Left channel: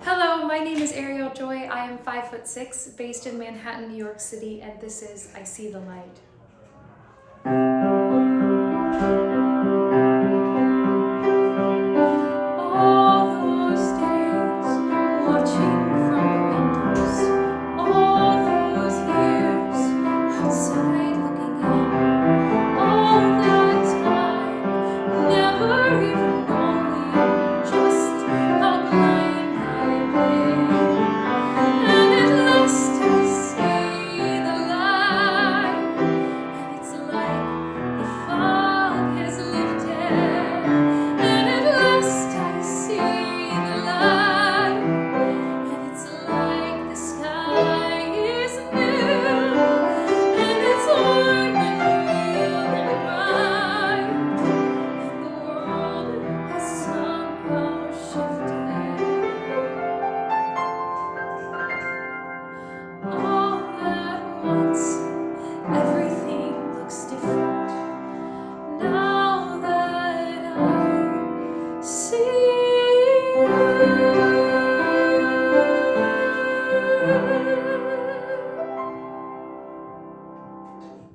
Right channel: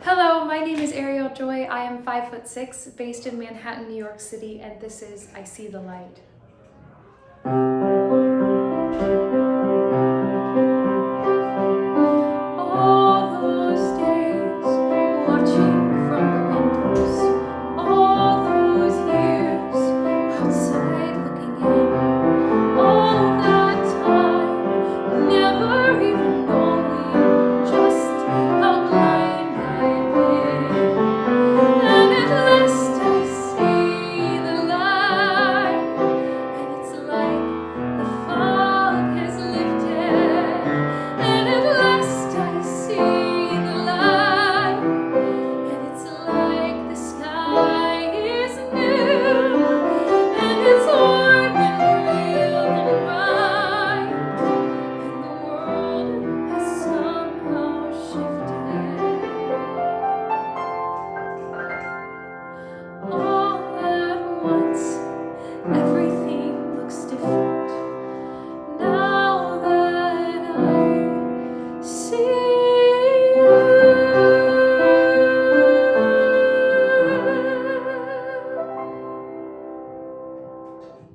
Hello, my name is Ariel Joy. I am 5'6", based in Manhattan, New York City, and this is I See the Light. All those days, watching